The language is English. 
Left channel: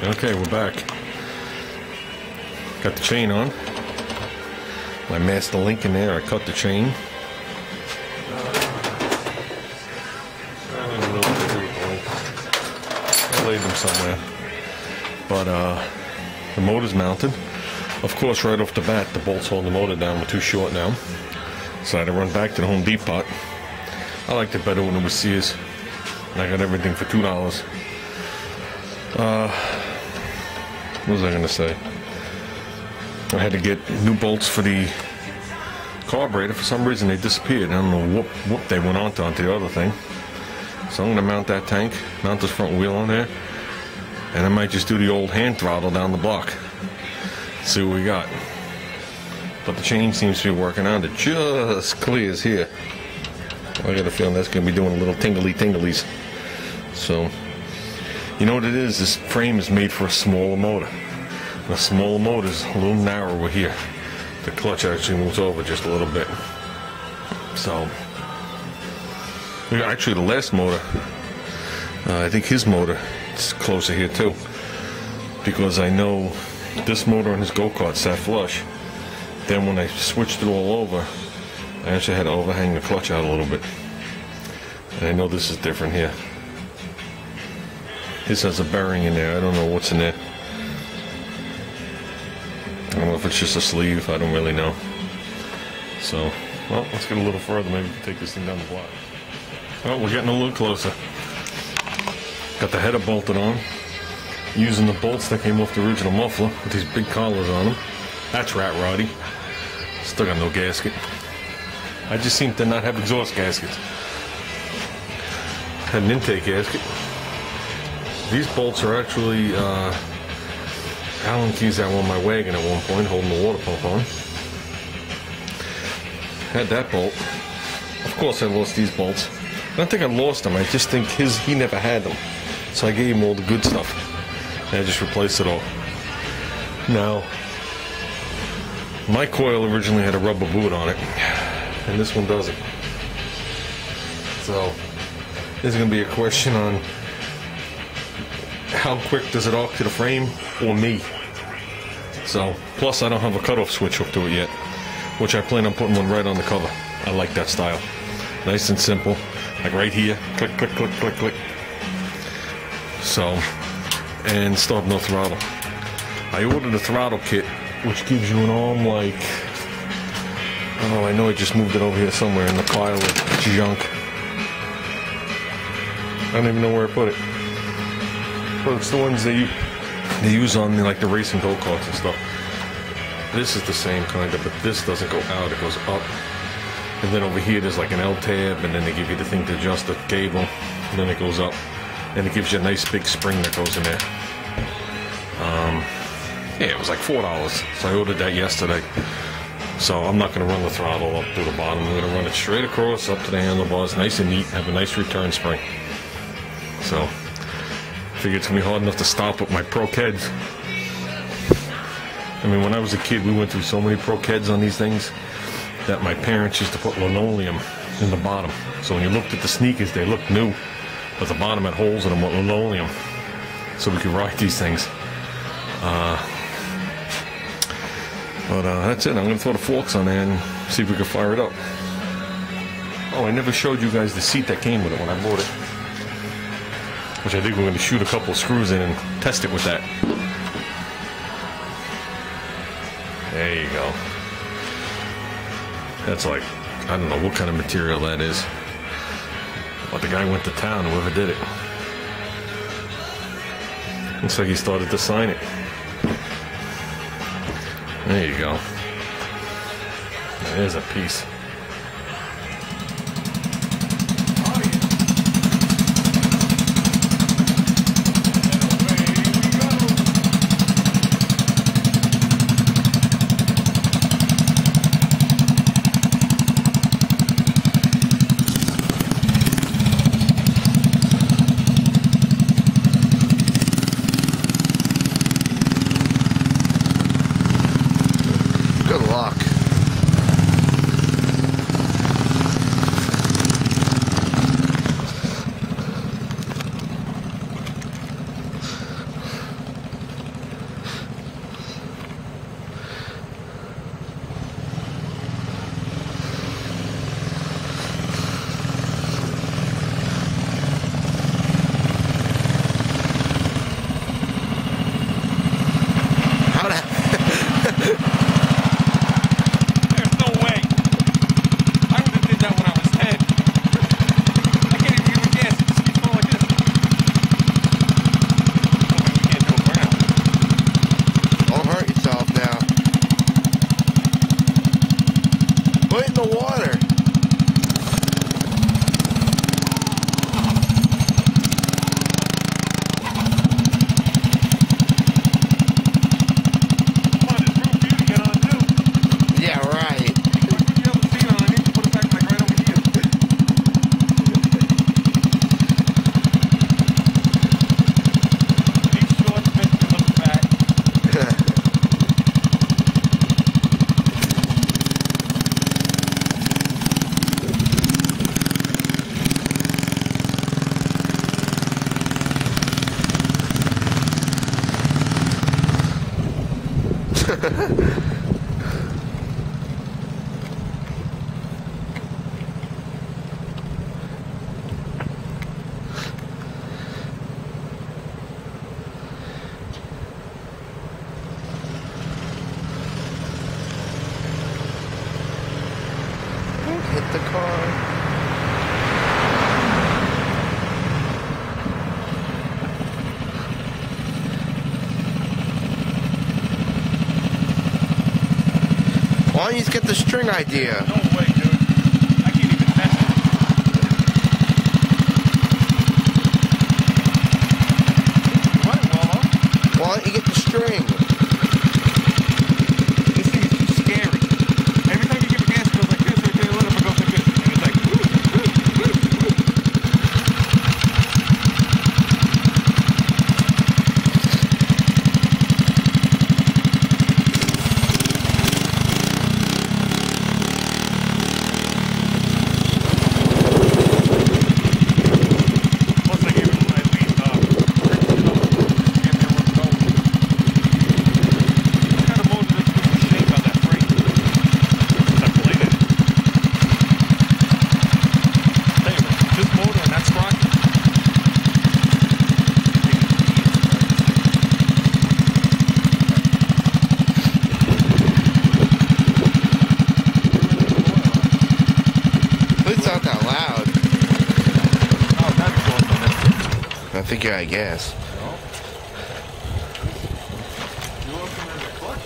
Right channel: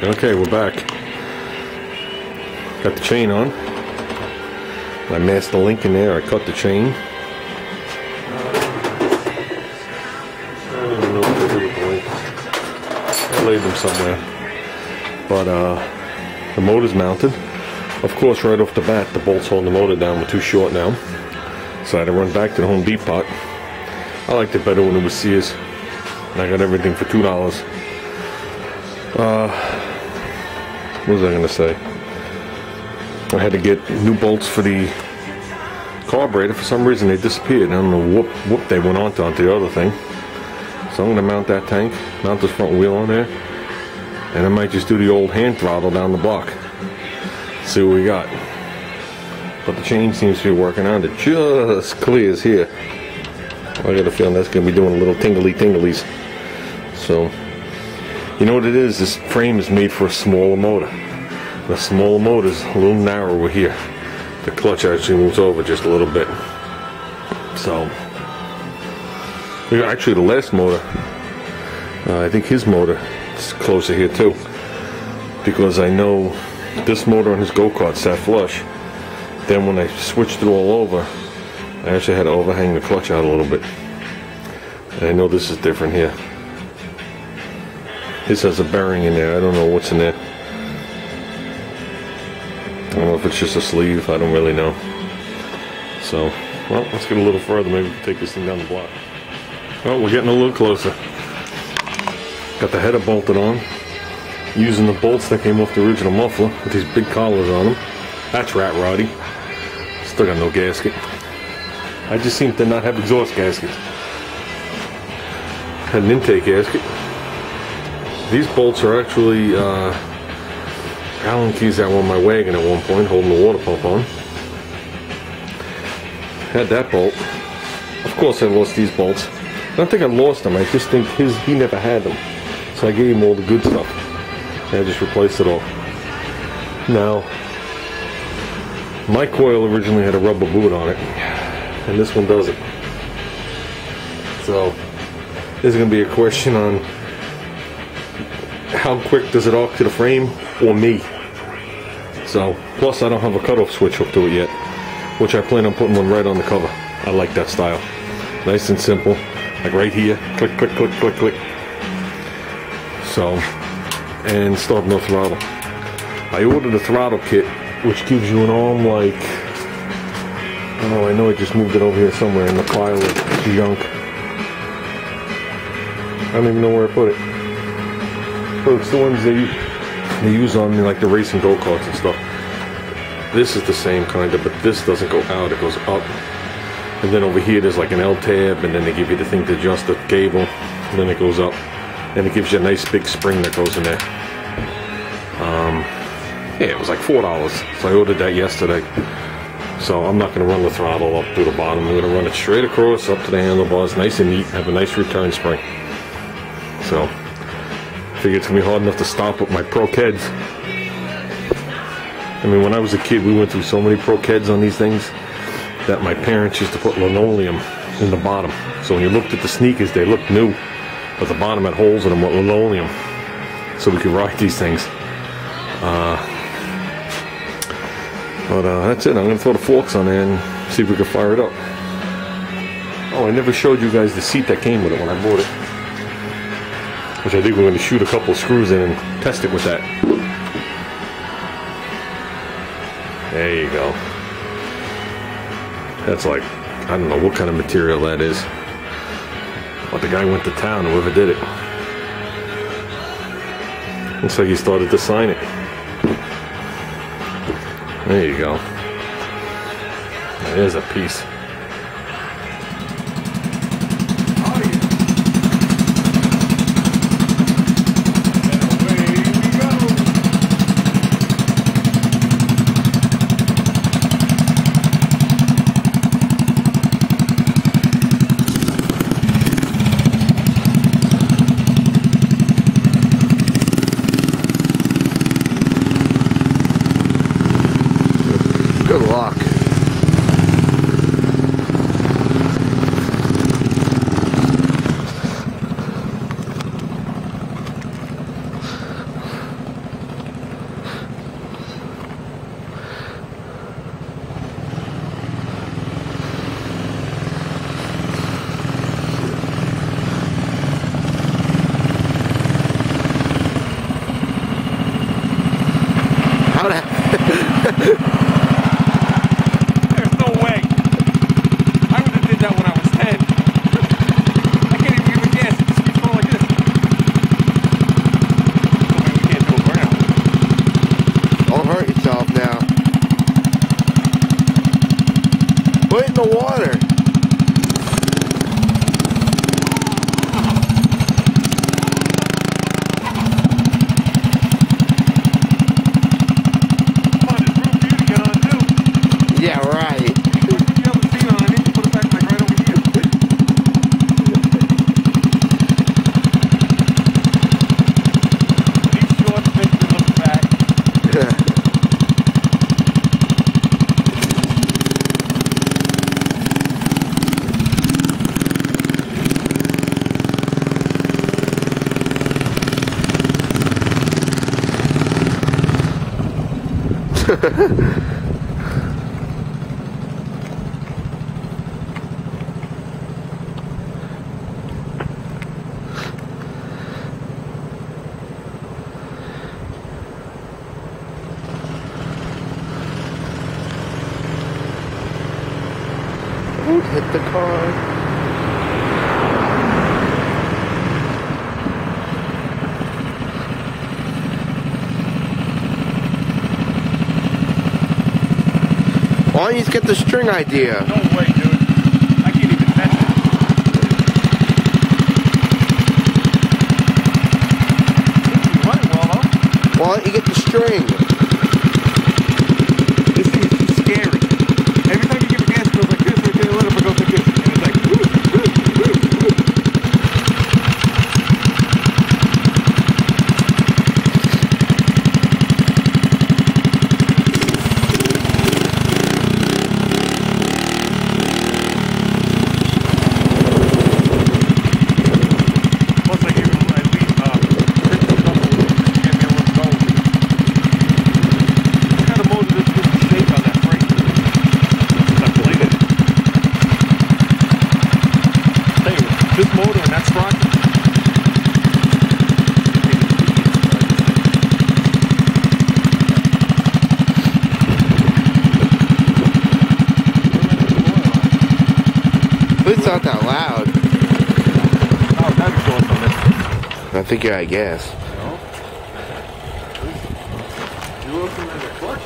Okay, we're back. Got the chain on. I masked the link in there. I cut the chain. I don't even know what to do with the link. I laid them somewhere. But the motor's mounted. Of course, right off the bat, the bolts holding the motor down were too short now. So I had to run back to the Home Depot. I liked it better when it was Sears. And I got everything for $2. What was I going to say? I had to get new bolts for the carburetor. For some reason they disappeared. I don't know what they went onto the other thing. So I'm going to mount that tank, mount this front wheel on there, and I might just do the old hand throttle down the block. See what we got. But the chain seems to be working out. It just clears here. I got a feeling that's going to be doing a little tingly-tinglies. So, you know what it is? This frame is made for a smaller motor. The smaller motor is a little narrower here. The clutch actually moves over just a little bit. So, actually the last motor, I think his motor is closer here too. Because I know this motor on his go-kart sat flush. Then when I switched it all over, I actually had to overhang the clutch out a little bit. And I know this is different here. This has a bearing in there. I don't know what's in there. I don't know if it's just a sleeve. I don't really know. So, well, let's get a little further. Maybe we can take this thing down the block. Well, we're getting a little closer. Got the header bolted on. Using the bolts that came off the original muffler with these big collars on them. That's rat roddy. Still got no gasket. I just seem to not have exhaust gaskets. Had an intake gasket. These bolts are actually Allen keys that were on my wagon at one point, holding the water pump on. Had that bolt. Of course I lost these bolts. I don't think I lost them, I just think he never had them. So I gave him all the good stuff. And I just replaced it all. Now, my coil originally had a rubber boot on it, and this one doesn't. So, there's going to be a question on how quick does it arc to the frame, or me. So, plus I don't have a cutoff switch hooked to it yet, which I plan on putting one right on the cover. I like that style. Nice and simple, like right here, click, click, click, click, click. So, and still have no throttle. I ordered a throttle kit, which gives you an arm like, I know I just moved it over here somewhere in the pile of junk. I don't even know where I put it. But it's the ones they use on like the racing go-karts and stuff. This is the same kind of, but this doesn't go out, it goes up. And then over here there's like an L-tab, and then they give you the thing to adjust the cable, and then it goes up. And it gives you a nice big spring that goes in there. Yeah, it was like $4. So I ordered that yesterday. So I'm not going to run the throttle up through the bottom. I'm going to run it straight across up to the handlebars, nice and neat, have a nice return spring. So I figure it's going to be hard enough to stop with my Pro Keds. I mean, when I was a kid, we went through so many Pro Keds on these things that my parents used to put linoleum in the bottom. So when you looked at the sneakers, they looked new, but the bottom had holes in them with linoleum, so we could ride these things. But that's it. I'm going to throw the forks on there and see if we can fire it up. Oh, I never showed you guys the seat that came with it when I bought it, which I think we're going to shoot a couple of screws in and test it with that. There you go. That's like, I don't know what kind of material that is, but the guy went to town, whoever did it. Looks like he started to sign it. There you go. There's a piece. Don't hit the car. Why don't you just get the string idea? No way, dude. I can't even touch it. You might well, huh? Why don't you get the string? This thing is too scary. Every time you give a gas, it goes like this, right there, let it goes like this. And it's like, woo, woo, woo, woo. Plus, I gave him at least grip and couple to get me a little going. What kind of motor does this shake on that frame? That bladed. Tell you what, this motor and that sprocket. It's not that loud. Oh, that'd be cool on it. I think you're out of gas. You looking at the clutch?